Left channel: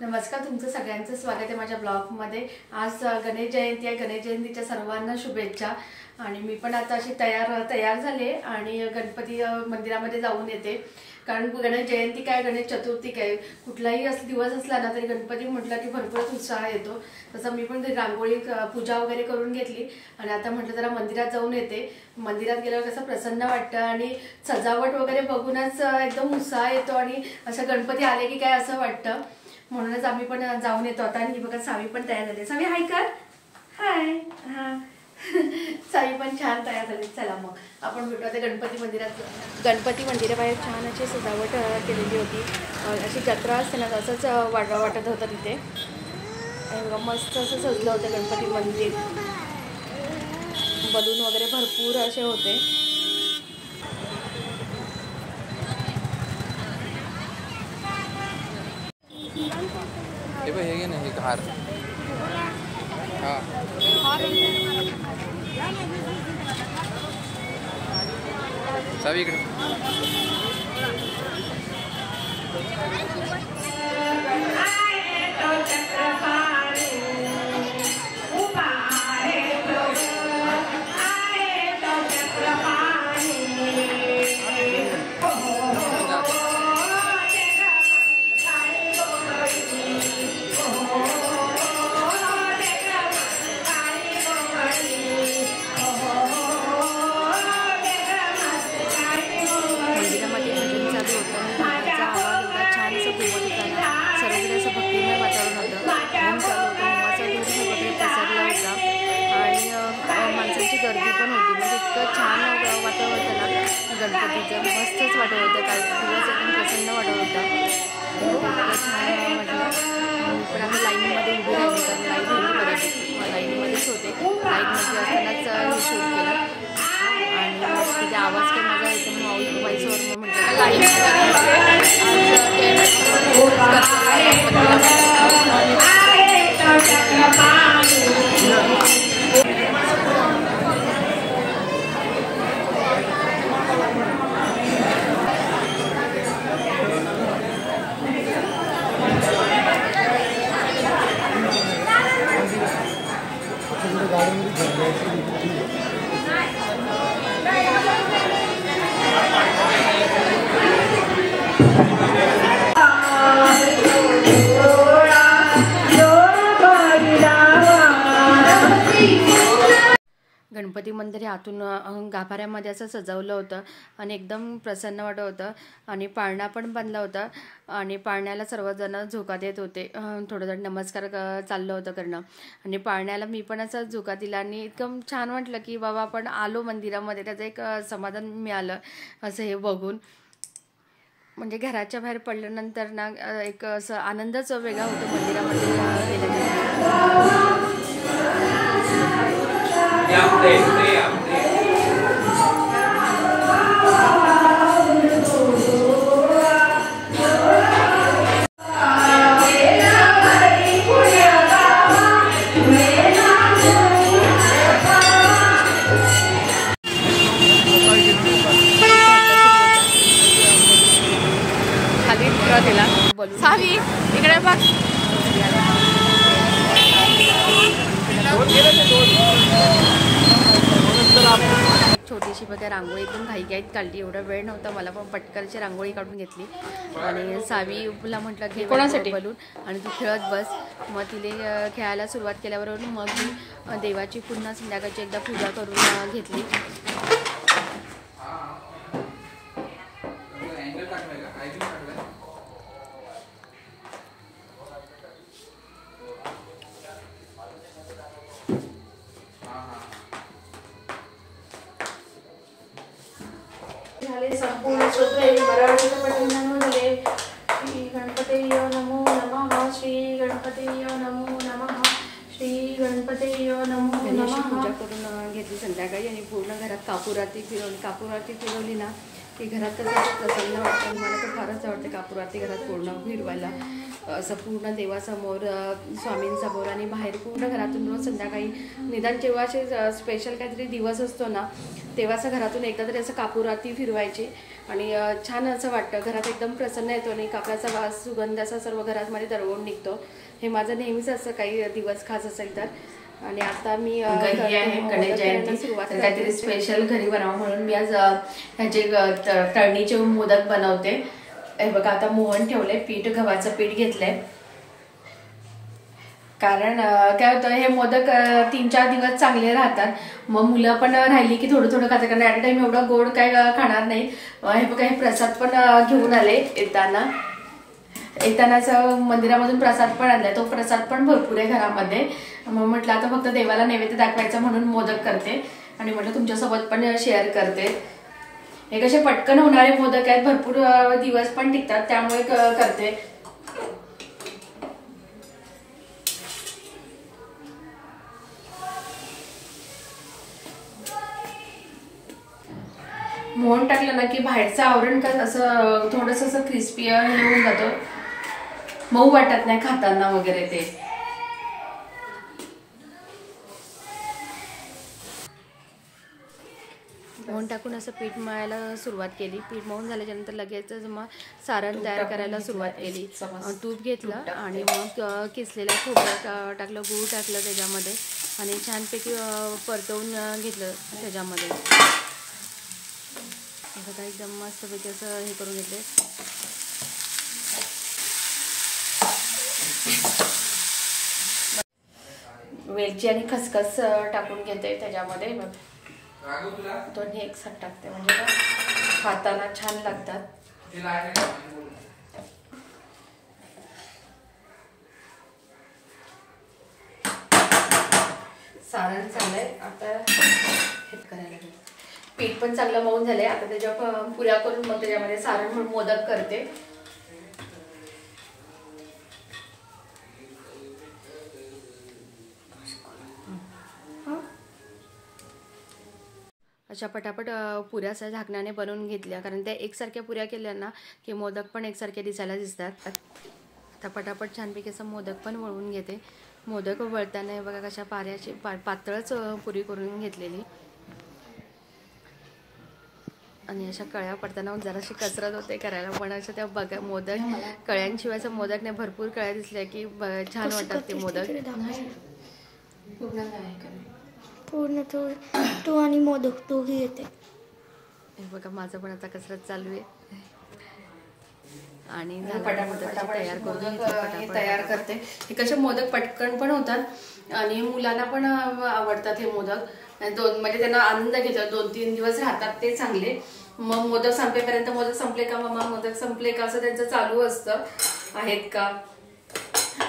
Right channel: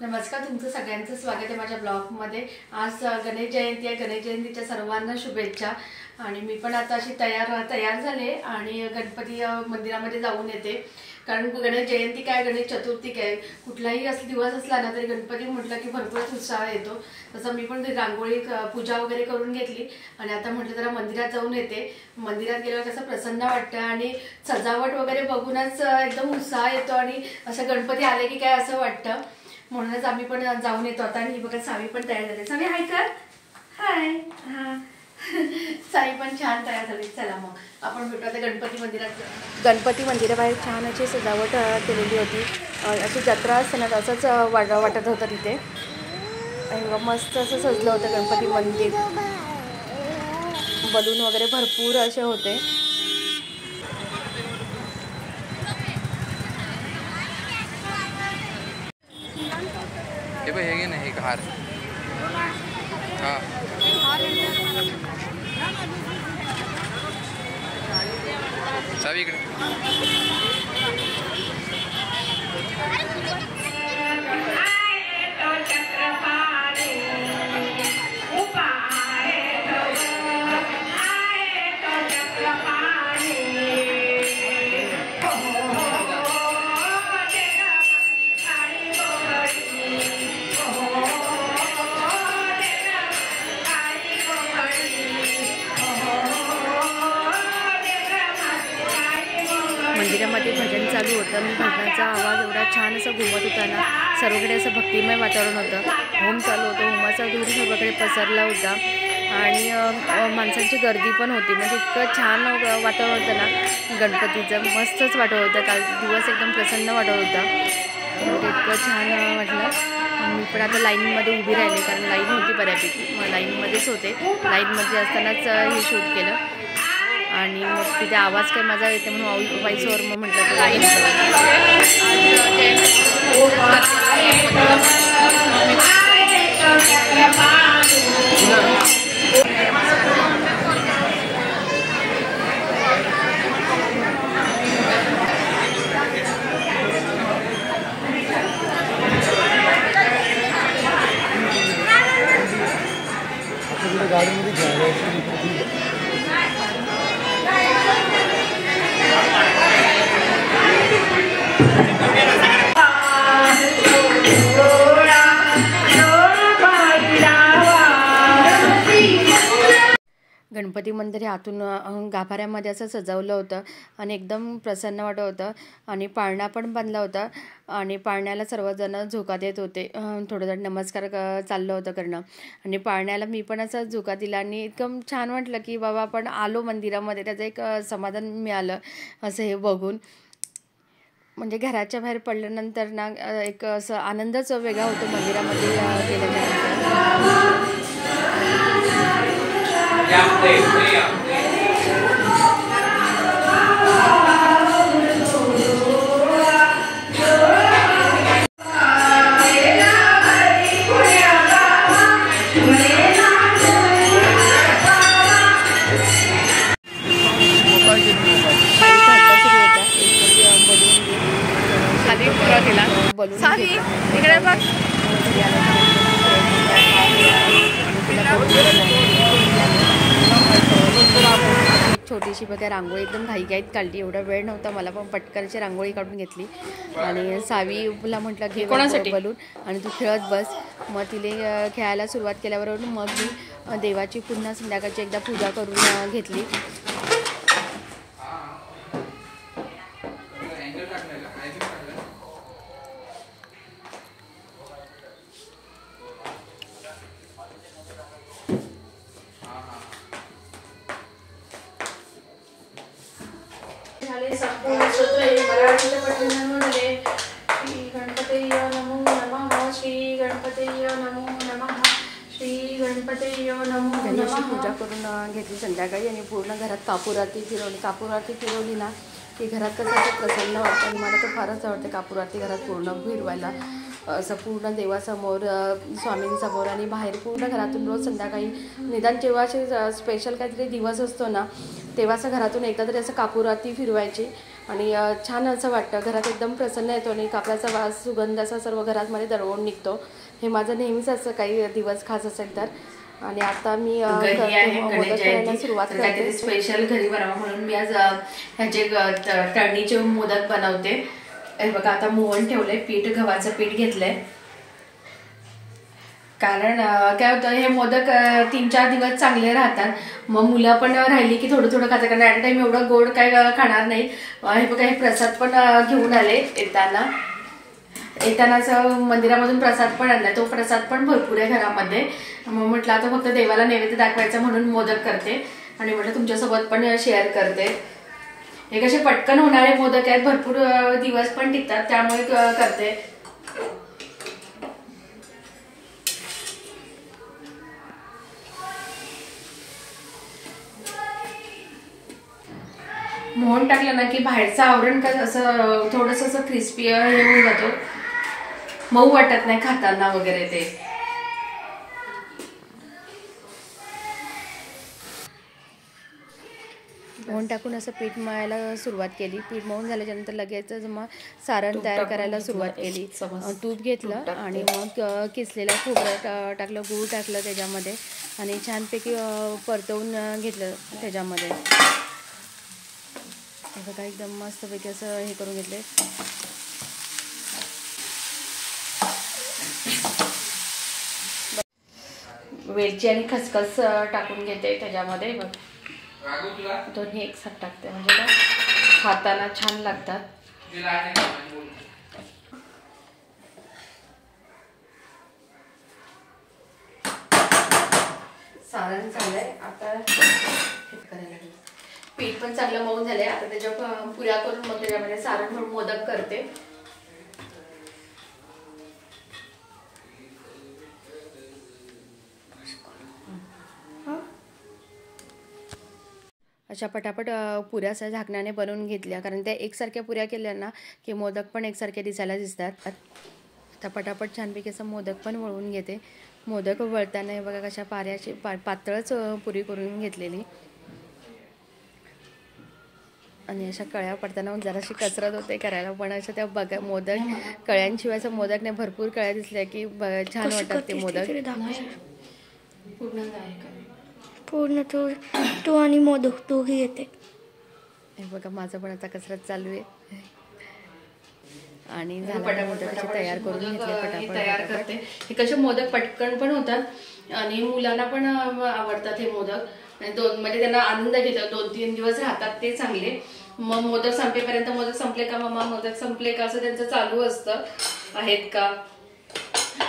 नमस्कार, तुमचं सगळ्यांचं स्वागत आहे माझ्या ब्लॉगमध्ये। आज गणेश जयंती आहे। गणेश जयंतीच्या सर्वांना शुभेच्छा। आणि मी पण आता अशी तयार झाले आणि गणपती मंदिरामध्ये जाऊन येते। कारण गणेश जयंती काय, गणेश चतुर्थी काय, कुठलाही असं दिवस असला ना तरी गणपती म्हटलं की भरपूरच उत्साह येतो। तसं मी पण रांगोळी पूजा वगैरे करून घेतली आणि आता म्हटलं जरा मंदिरात जाऊन येते। मंदिरात गेल्यावर कसं प्रसन्न वाटतं आणि सजावट वगैरे बघूनच एकदम उत्साह येतो आणि असं गणपती आले की काय असं वाटतं। म्हणूनच आम्ही पण जाऊन येतो आता। आणि बघा सावी पण तयार झाली। सावी हाय कर, हाय। हा सावी पण छान तयार झाली। चला मग आपण भेटू आता गणपती मंदिरात। गणपती मंदिराबाहेर छान अशी सजावट केलेली होती। अशी जत्रा असते ना तसंच वाटत होतं तिथे। मस्त असं सजलं होतं गणपती मंदिर। बलून वगैरे भरपूर असे होते। हे घे ना, हे हार। हां सावी इकडे। मंदिरामध्ये भजन चालू होतं। मी भजनाचा आवाज एवढा छान असं घुमत होता ना, सर्वकडे असं भक्तिमय वातावरण होतं। होम चालू होतं, होमाचा धूर सगळीकडे पसरला होता आणि माणसांची गर्दी पण होती। म्हणजे इतकं छान वातावरण होतं ना गणपतीचं, मस्तच वाटत होतं। काही दिवस एकदम प्रसन्न वाटत होता। इतकं छान वाटलं। मी पण आता लाईनमध्ये उभी राहिली, कारण लाईन होती बऱ्यापैकी, लाईनमध्येच होते। लाईनमध्ये असतानाच हे शूट केलं आणि मग तिथे आवाज काय माझा येतो म्हणून व्हॉइसवर मग म्हटलं लाईन गणपती मंदिर हे आतून गाभाऱ्यामध्ये असं सजवलं होतं आणि एकदम प्रसन्न वाटत होतं। आणि पाळणा पण बांधला होता आणि पाळण्याला सर्वजण झोका देत होते। थोडं थोडं नमस्कार चाललं होतं करणं आणि पाळण्याला मी पण असं झोका दिला आणि एकदम छान वाटलं की बाबा आपण आलो मंदिरामध्ये, त्याचं एक समाधान मिळालं असं हे बघून। म्हणजे घराच्या बाहेर पडल्यानंतर ना एक असं आनंदच वेगळा होतो मंदिरामध्ये गेल्यानंतर। खाली तिला सावी इकडे बघ। छोटीशी बघा रांगोळी एकदम घाईघाईत काढली। एवढा वेळ नव्हता मला, पण पटकनची रांगोळी काढून घेतली आणि सावीला म्हटलं की कोणासाठी बलून आणि तू खेळत बस। मग तिने खेळायला सुरुवात केल्याबरोबर मग मी देवाची पुन्हा संध्याकाळची एकदा पूजा करून घेतली। संपूर्ण मराठीच्या पठणामध्ये श्री गणपतये नमो नमः, श्री गणपतये नमो नमः, श्री गणपतये नमो नमः। पूजा करून घेतली संध्याकाळी आणि पूर्ण घरात कापूर आरती फिरवली ना की घरात कसं प्रसन्न वाटतं। आणि मला तर फारच आवडतं कापूर आरती घरात पूर्ण फिरवायला। असं पूर्ण देवासमोर, स्वामींसमोर आणि बाहेर पूर्ण घरातून रोज संध्याकाळी निदान जेव्हा असे स्पेशल काहीतरी दिवस असतो ना तेव्हा असं घरातून एकदा तरी असं कापूर आरती फिरवायची आणि छान असं वाटतं. घरात एकदम प्रसन्न येतो आणि कापडाचा वास सुगंध असा सर्व घरामध्ये दरवळून निघतो. हे माझं नेहमीच असं काही दिवस खास असेल तर. आणि आता मी मोदक करायला सुरुवात करते. स्पेशल घरी बनावं म्हणून मी आज ह्याचे तळणीचे मोदक बनवते. हे बघा आता मोहन ठेवलंय, पीठ गव्हाचं पीठ घेतलंय. कारण काय होतं हे मोदक 3-4 दिवस चांगले राहतात. मग मुलं पण राहिली की थोडं थोडं खातात, कारण ॲट टाइम एवढं गोड काय खाणार नाही. हे बघा हे प्रसाद पण घेऊन आले येतानाच मंदिरामधून प्रसाद पण आणला. तो प्रसाद पण भरपूर आहे घरामध्ये. मग म्हटलं आता फक्त देवाला नैवेद्य दाखवायचा म्हणून मोदक करते आणि म्हटलं तुमच्यासोबत पण शेअर करते. हे कसे पटकन होणारे मोदक आहेत, भरपूर दिवस पण टिकतात, त्यामुळे करते. मोहन टाकलं ना की बाहेरचं आवरण काय असं थोडंसं असं क्रिस्पी हे होऊन जातो, मऊ वाटत नाही खाताना वगैरे. ते मोहन टाकून असं पीठ मळायला सुरुवात केली. पीठ मळून झाल्याच्यानंतर लगेच मग सारण तयार करायला सुरुवात केली. तूप घेतलं आणि मग किसलेलं खोबरं टाकलं, गूळ टाकलं त्याच्यामध्ये आणि छानपैकी परतवून घेतलं त्याच्यामध्ये. बघा एकदम मस्तपैकी असं हे करून घेतले. वेलची आणि खसखस टाकून घेते त्याच्यामध्ये. बघ दोन्ही एकसाथ टाकते म्हणजे खाताना छान लागतात. सारण चाललंय आता हे करायला. पीठ पण चांगलं मऊन झालंय. आता त्याच्या पुऱ्या करून मग त्याच्यामध्ये सारण म्हणून मोदक करते. अशा पटापट पुऱ्या अशा झाकण्याने बनवून घेतल्या, कारण त्या एकसारख्या पुऱ्या केल्या ना की मोदक पण एकसारखे दिसायला दिसतात. आता पटापट छानपैकी असं मोदक पण वळून घेते. मोदक वळताना बघा कशा पाऱ्याची पातळच पुरी करून घेतलेली आणि अशा कळ्या पडताना जराशी कसरत होते करायला, पण असं त्या बघा मोदक कळ्यांशिवाय असं मोदक नाही. भरपूर कळ्या दिसल्या की छान वाटतात ते मोदक. पूर्ण तो आणि मोदक दोघी येते. हे बघा माझं पण आता कसरत चालू आहे आणि मोदकाची तयार करून तयार करते. हे कसे मोदक पटकन पण होतात आणि मुलांना पण आवडतात हे मोदक. म्हणजे त्यांना आनंद घेतात. 2-3 दिवस राहतात ते चांगले. मग मोदक संपेपर्यंत मोदक संपले का मम्मा मोदक संपले का असं त्यांचं चालू असतं, आहेत का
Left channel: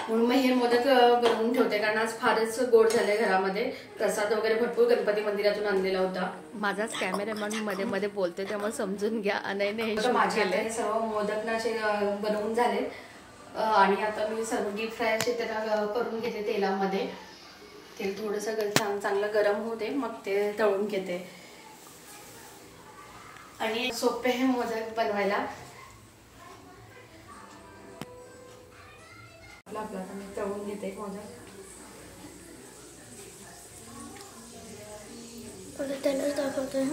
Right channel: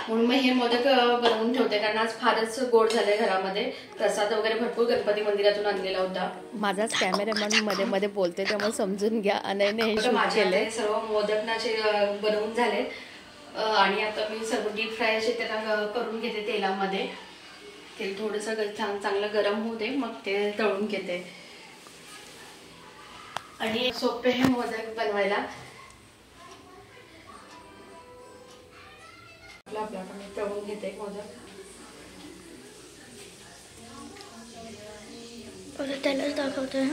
म्हणून मग हे मोदक बनवून ठेवते. कारण आज फारच गोड झालंय घरामध्ये. प्रसाद वगैरे भरपूर गणपती मंदिरातून आणलेला होता. माझाच कॅमेरामॅन मध्ये मध्ये बोलते त्यामुळे समजून घ्या. माझे सर्व मोदक नाचे बनवून झाले आणि आता मी सर्व डीप फ्राय असे त्याला करून घेते तेलामध्ये. तेल थोडंसं चांगलं गरम होऊ दे, मग ते तळून घेते. आणि सोपे हे मोदक बनवायला. आपला मी तळून घेते मोदक. त्यालाच दाखवतोय.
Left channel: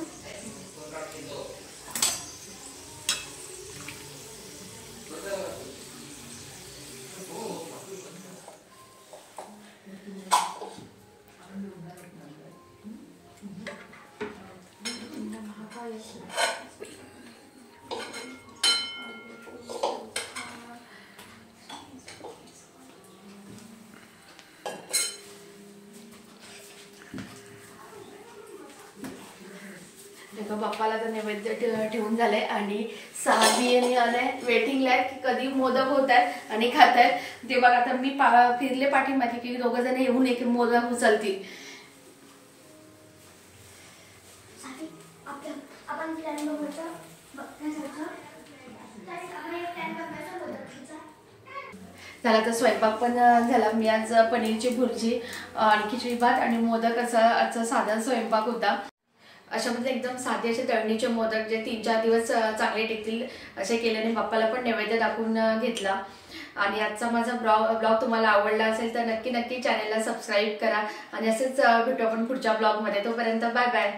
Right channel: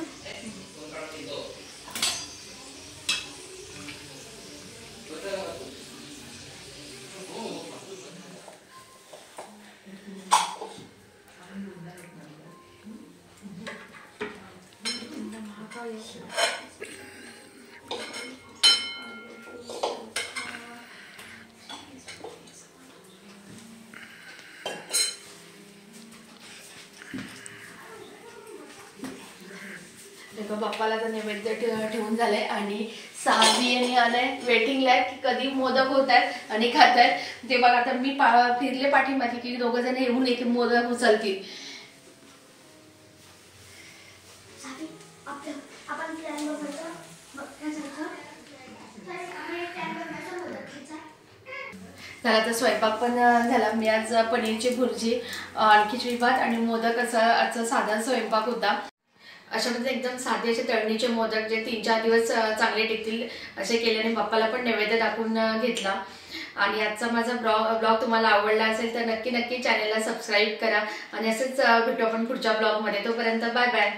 बाप्पाला तर नैवेद्य ठेवून झालंय आणि सावी आणि वेटिंगला आहेत की कधी मोदक होत आहेत आणि खात आहेत. ते बघा आता मी फिरले पाठीमागे की 2 जण येऊन एक मोदक उचलतील. झाला तर स्वयंपाक पण झाला. मी आज पनीरची भुर्जी आणि खिचडी भात आणि मोदक असा आजचा साधा स्वयंपाक होता. अशा म्हणजे एकदम साधे असे तळणीचे मोदक जे 3-4 दिवस चांगले टिकतील असे केल्याने बाप्पाला पण नैवेद्य दाखवून घेतला. आणि आजचा माझा ब्लॉग तुम्हाला आवडला असेल तर नक्की चॅनलला सबस्क्राईब करा आणि असेच भेटू आपण पुढच्या ब्लॉगमध्ये. तोपर्यंत बाय बाय.